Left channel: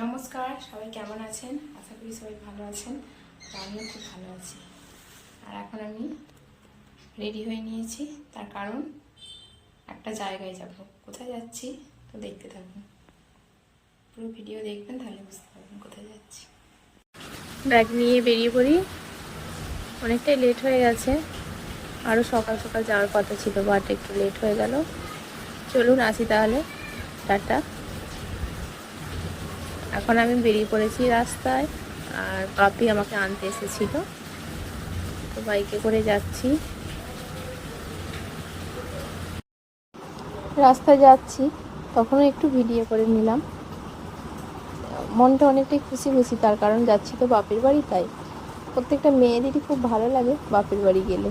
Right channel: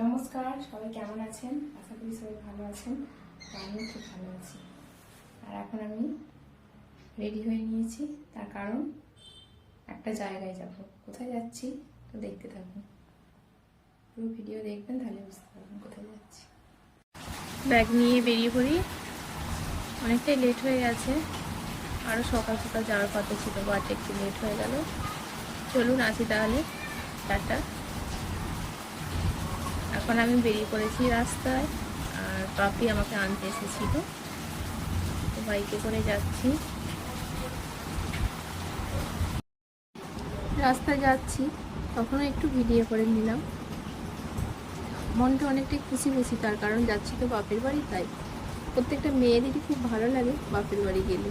নমস্কার, সবাই কেমন আছেন? আশা করি সবাই ভালো আছেন। তো আমিও খুব ভালো আছি। আর এখন আমি রেডি হয়ে নিয়েছি, তার কারণ একটা জায়গায় যাব। কোথায় যাচ্ছি তো দেখতে থাকুন, পুরো ভিডিও দেখবেন, তাহলে বুঝতে পারবেন কোথায় যাচ্ছি। ব্যাগ নিয়ে বেরিয়ে পড়ি, অনেকটাই লেট হয়ে গেছে। আরও সকাল সকাল যাওয়ার কথা ছিল, বাট একটু লেট হয়ে গেল। চলুন আসি তাহলে, টাটা। এখন আমি বেরিয়ে পড়েছি রাস্তায়, আর পাপি আমাকে আনতে এসেছিল, তো বাইকে করে যাচ্ছি। রাস্তায় যাচ্ছি, তখনও একটু ভিডিও করে নিলাম। মনটা অনেকটাই খুশি খুশি, তার কারণ যাচ্ছি তো বাপের বাড়ি। তাই প্রত্যেকটা মেয়েদেরই খুব ভালো লাগে বাপের বাড়ি গেলে,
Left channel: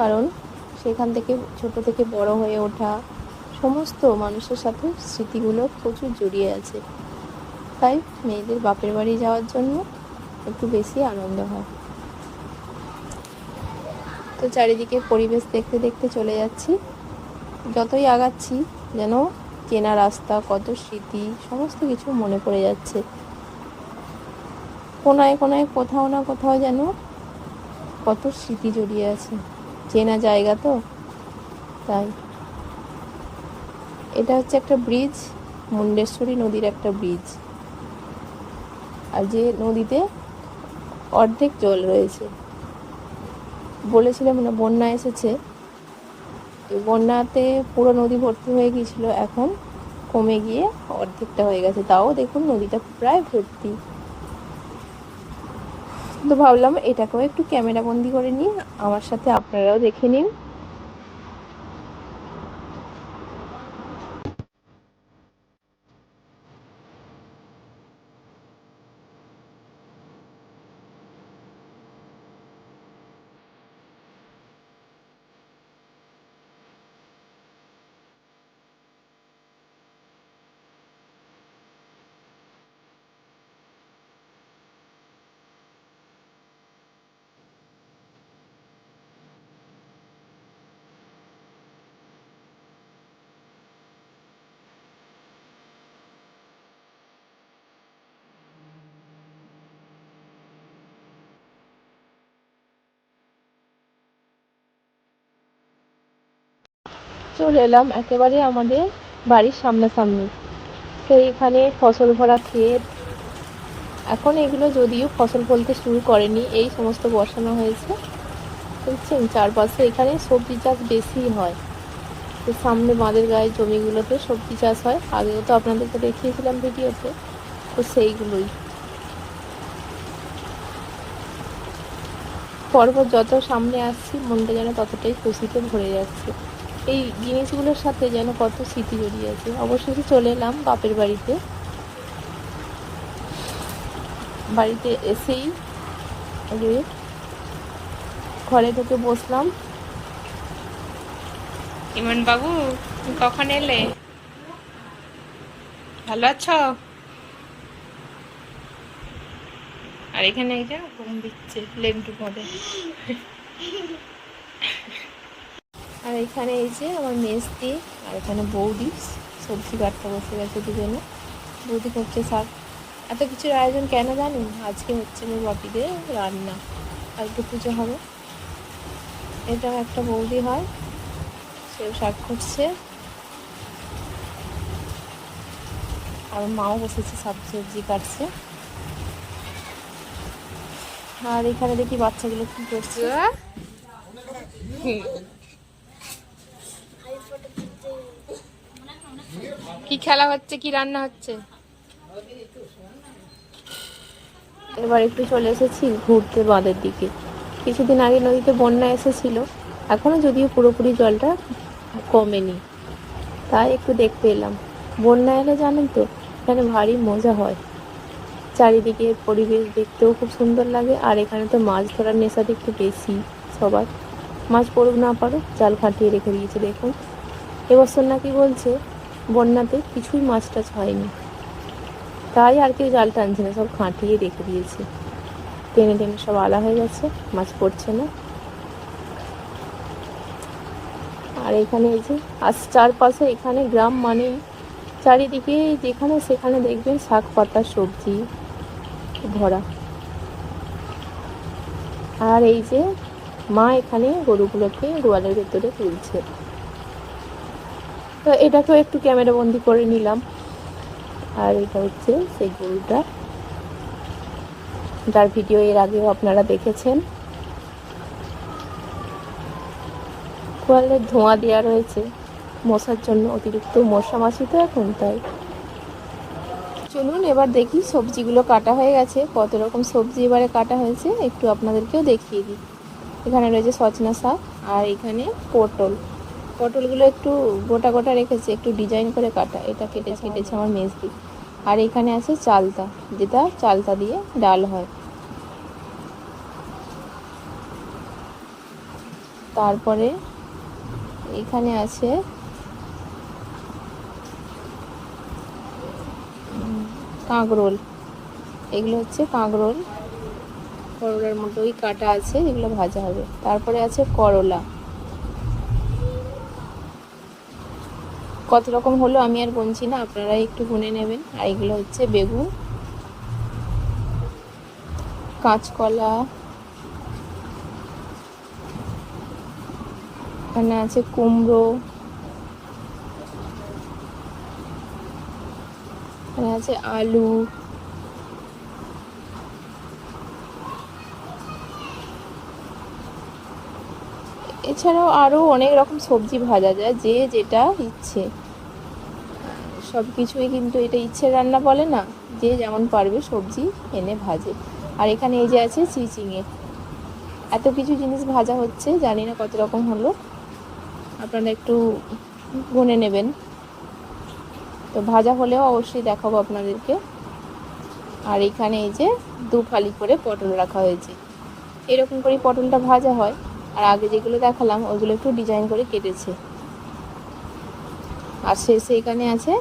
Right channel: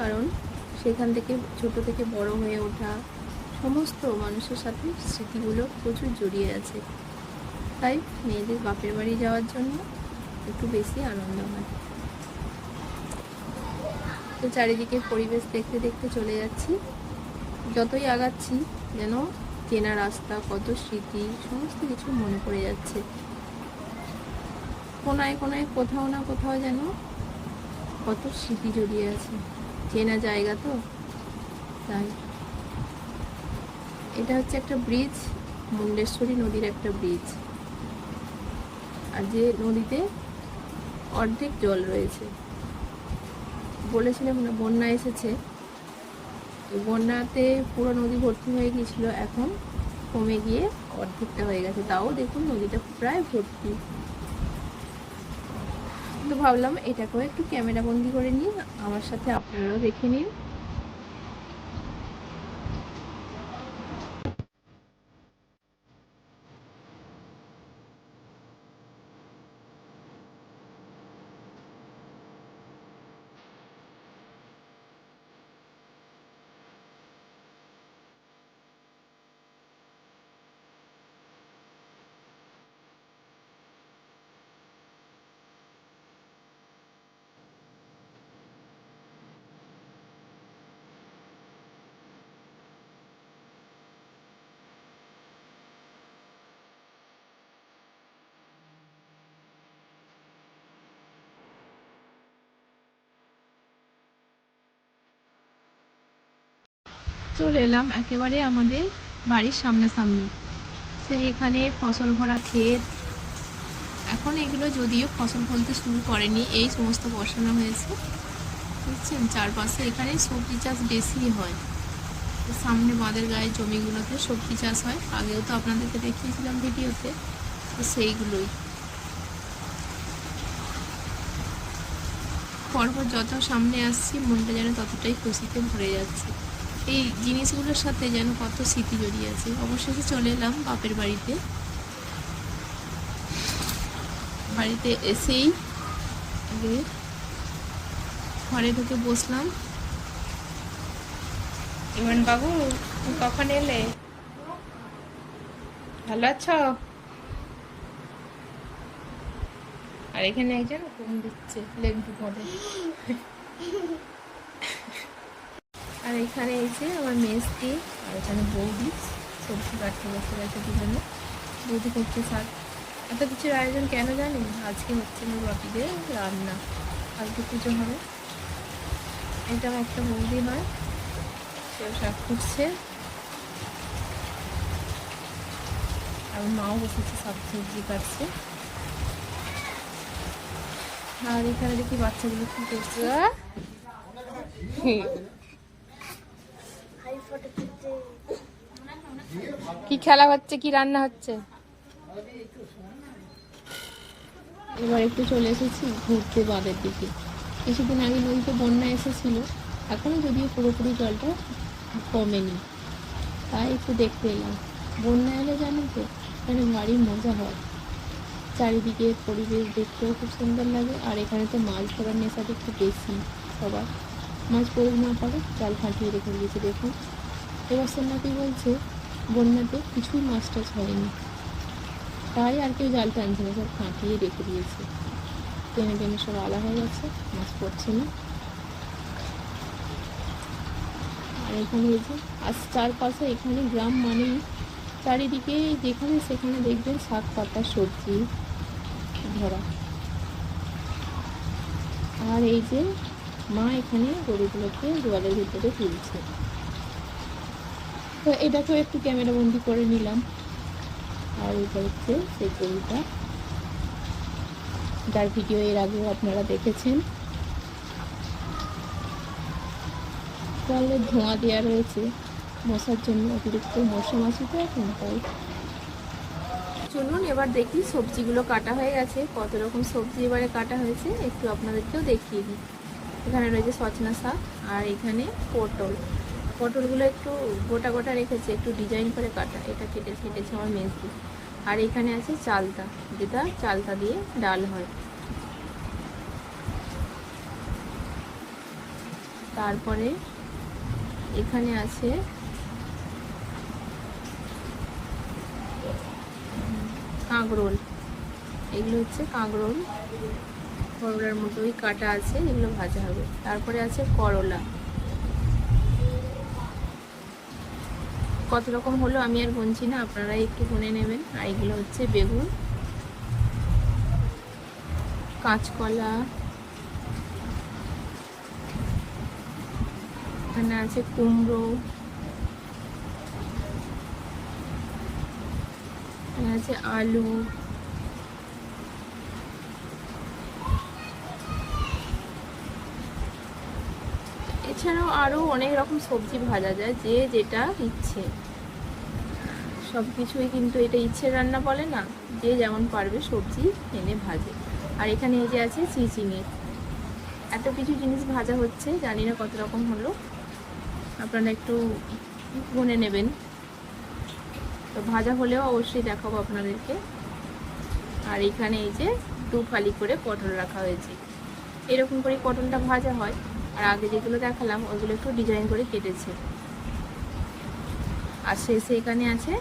কারণ সেখান থেকে ছোট থেকে বড় হয়ে ওঠা সমস্ত মানুষের সাথে স্মৃতিগুলো প্রচুর জড়িয়ে আছে। তাই মেয়েদের বাপের বাড়ি যাওয়ার জন্য একটু বেশি আনন্দ হয়। তো চারিদিকে পরিবেশ দেখতে দেখতে চলে যাচ্ছি। যতই আগাচ্ছি যেন চেনা রাস্তা, কত স্মৃতি, সমস্ত কিছু মনে পড়ে যাচ্ছে। কোনায় কোনায় কোথাও না কোথাও যেন কত স্মৃতি জড়িয়ে আছে। চেনা জায়গা তো, তাই। এটা হচ্ছে একটা ব্রিজ, মুন্ডেশ্বরী নদীর একটা ব্রিজ। আর যে নদীতে অর্ধেক জল রয়েছে, বলেছিলাম না বন্যা এসেছে, বন্যাতে পুরো নদী ভর্তি হয়ে গিয়েছিল, এখন কমে গিয়ে অর্ধেকটা হয়ে গেছে। তাও দেখুন নদীটা প্রায় ভর্তি। তো ভাবলাম এটাকেও একটু ক্যামেরা বন্দি করে নিই, আমার সাথে আপনারাও দেখে নিন। চলে এলাম একেবারে আমাদের বাড়ির সামনাসামনি। সেইখানে ফসল ভরা ক্ষেত। এখন এগুলো যদিও ফসল ফলতে শুরু করেনি, এই সমস্ত বসানো হয়েছে। দেখছেন চারপাশে, এখানে সবজি চাষ বেশি হয়। তো সামনে বাঁধের গায়ে জমিগুলোতে সবজি চাষ হয়, আগেও তো আপনাদেরকে দেখিয়েছিলাম ভিডিওতে। তো সেইগুলোই পরপর যত সামনে আসছি, মনটা যেন ততটাই খুশিতে ভরে যাচ্ছে। এই জিনিসগুলোর সাথে যেন কত স্মৃতি জড়িয়ে আছে। অবশেষে চলে এলাম বাপের বাড়িতে। বাড়িতে এসেই আগে ঘরে ঢুকে বসলাম। ইমন বাবু, কখন এলে? ভালো আছো? আর এখানে একজন ঘুম দিচ্ছে লেংটুর মধ্যে। আর এখানে এই যে আমার মেজদি, আর এখানে বৌদি সবজি কাটতে বসে গেছে দুজনে। বৌদি করছে শাক। এত কিছুর আয়োজন কেন জানেন? আজকে হচ্ছে আমার বাপিদের রান্না, আজকে পুজো হবে। এটাও একটা বৌদি হয়, সেও শাক করছে। আর মাও বসেছে শাক সবজি কাটছে। আর এখানে দেখি বাচ্চাগুলো কি করছে। কি খেলা হচ্ছে, কি রান্না হচ্ছে? এবার একটু চলে এসেছি ঘুরতে বাঁধের দিকে। কিছুদিন আগে নদীতে বন্যা এসেছিল, এখনো যদিও পুরোপুরি জলটা কমেনি, তাই একটু দেখতে এলাম। বন্যা এলে জানেন তো এখানে ভারী মজা হয়, চারিদিকে পরিবেশ দেখতেও খুব সুন্দর লাগে। আর এখানে তো মাছ ধরার নেশাটা একটু বেশি সবার। মাছ পড়ুক না পারুক, জাল ফাটিয়ে রেখে দিয়েছে। দেখুন এবছর নাকি বলছে বন্যাতে কিছুই মাছ টাছ হয়নি, তাই আর কেউ জাল টানছে না, সব খাটিয়ে রেখে দিয়েছে। টেনে টেনে সব আলা হয়ে গেছে, মাছ পড়ছে না। আর এখানে এই যে চারপাশে, এখানে গ্রাম মানেই চারিদিকে যেখানে সেখানে দেখবেন শাক পাতা সবজি ভরা। আর এই যে মা এখানে গরুগুলোকে গোয়ালের ভেতরে তুলছে, তো এটাকেও একটু ক্যামেরা বন্দি করে নিলাম। আর এটা হচ্ছে সেই গরুটা, যার ভিডিও এর আগেও আপনারা দেখেছেন। গোয়ালের ধোঁয়া দেওয়া রয়েছে মশার জন্য, অতিরিক্ত মশা মাছি তো এখন, তাই। চলুন এবার দেখি সবজিগুলো কাটা হয়ে গেছে, কত রকম সবজি এবারে কাটা হয়েছে একটু আপনাদেরকেও দেখিয়ে দিই। এখানে রয়েছে সজনা শাক, আর এখানে পটলগুলো একটু গোটা গোটা রেখেছে, একটু ডিজাইন করে কাটা, এটা কেটেছে আমার মেজদি। আর এখানে আছে চালতা, যেটা চালতা দিয়ে ডাল হয়। তারপরে এখানে আছে কাঁকরোল, এগুলো হচ্ছে কাঁকরোল, করলার মতোই কাটা আছে, এগুলো ভাজা হবে। তারপরে আছে করলা, কত রকম হলো আমি আর গুনছি না, আপনারা একটু গুনে নেবেন। আর এগুলো হচ্ছে বেগুন, কাঁচকলা, এখানে আছে কুমড়ো, এখানে আছে আলু, এছাড়াও আরও অনেক রকম সবজি ভাজা যায়, যে যেটা ইচ্ছে। সব কিছুই কিন্তু এটা ইচ্ছে রান্না বলে না, যে যেমন পারবে সবজি এনে ভাজে। আর এখানে এই যে আছে চিচিঙে, এত কিছু জিনিস ভাজা হচ্ছে, জানি না কত রকম হলো, আপনারা একটু গুনে নেবেন। তো ভাজা হলেও অবশ্যই দেখাবো আপনাদেরকে। আর এখানে এই যে 2 ফালি করে পটল রাখা হয়েছে, এরকম করে পটলটা ভাজা হয়। আর আগে যেগুলো দেখালাম ওইগুলো একটু ডিজাইন করে কেটেছে। আর শেষে এখানে আছে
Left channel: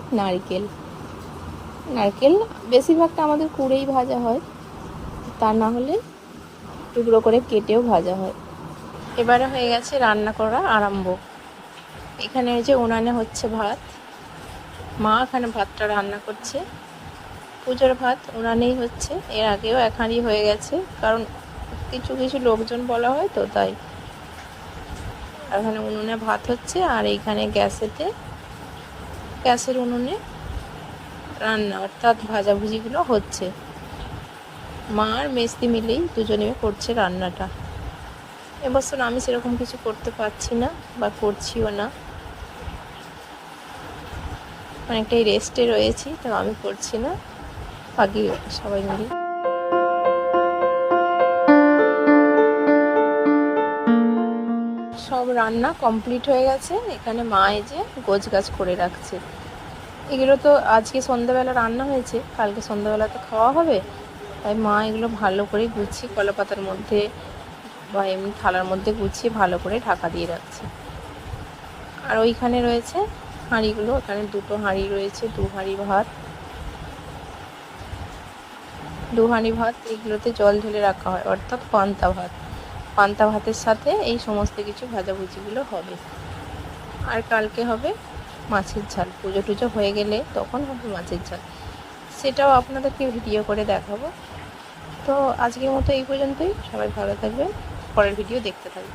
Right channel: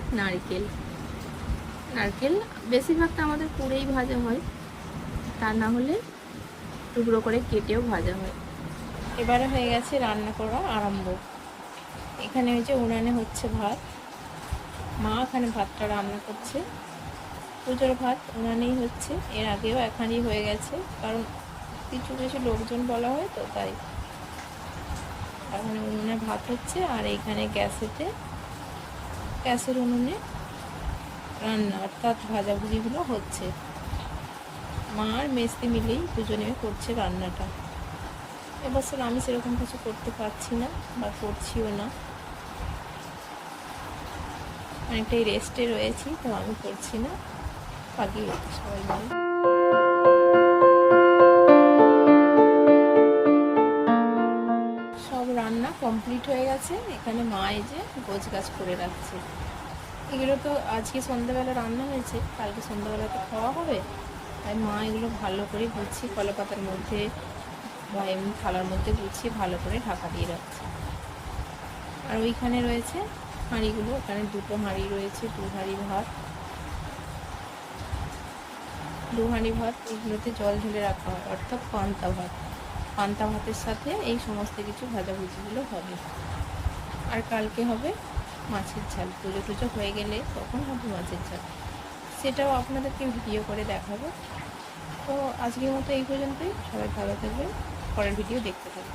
নারকেল বেশিরভাগটা আমাদের কুড়েই ভাজা হয়, তা না হলে টুকরো করে কেটেও ভাজা হয়। এবারে হয়ে গেছে রান্না করা আরম্ভ। এখানে ওই যে উনানে হচ্ছে ভাত, মা এখানে ভাতটা রান্না করছে। পুজোর ভাত উনানেই হচ্ছে, এর আগেও 1 হাঁড়ি হয়ে গেছে, কারণ কিছু কিছু লোকজন বলা হয় তো, তাই। এখানে উনুনে ভাত হচ্ছে, আর এইখানে গ্যাসের উনুনে রান্না, অর্থাৎ ভাজাভুজিগুলো হচ্ছে। মা আর মেজদি মিলেই দুজনে করছে রান্নাটা। এবছর আমি সেরকম কিছু করতে পারছি না, বা করছিও না, অনেকটাই রেস্টে রয়েছি, তো আমি করছি না, বাকি সবাই মিলে। সব রান্না কমপ্লিট হয়ে গেছে, এখানে মা এই যে গোছগাছ করে রাখছে। এগুলো তো আজকে সন্ধ্যাবেলা রান্না হয়েছে, কালকে সন্ধ্যাবেলা তো খাওয়া হবে, তাই মা এগুলো ভালো করে গুছিয়ে কলাপাতার মধ্যে বা এমনি থালার মধ্যে গুছিয়ে ভালো করে ঢাকা দিয়ে রাখছে। আর ওইখানে রয়েছে হাঁড়িগুলো, ওখানে 2টো হাঁড়ি রয়েছে, 2 হাঁড়ি ভাত, 2 হাঁড়ি ভাত। এগুলোতে জল ঢেলে রাখা হয়, অর্থাৎ পান্তা ভাতের সাথে এই সমস্ত কিছু ভাজাভুজিগুলো হবে। আর কালকে হবে মাছের ঝাল, পুজো টুজো হয়ে গেলে তখন হবে মাছের ঝাল, সেটাও আপনাদেরকে ভিডিও করে দেখাবো। তো আজকের মতো এই পর্যন্তই, সবাই ভালো থাকবেন, পরের ভিডিও দেখতে থাকবেন।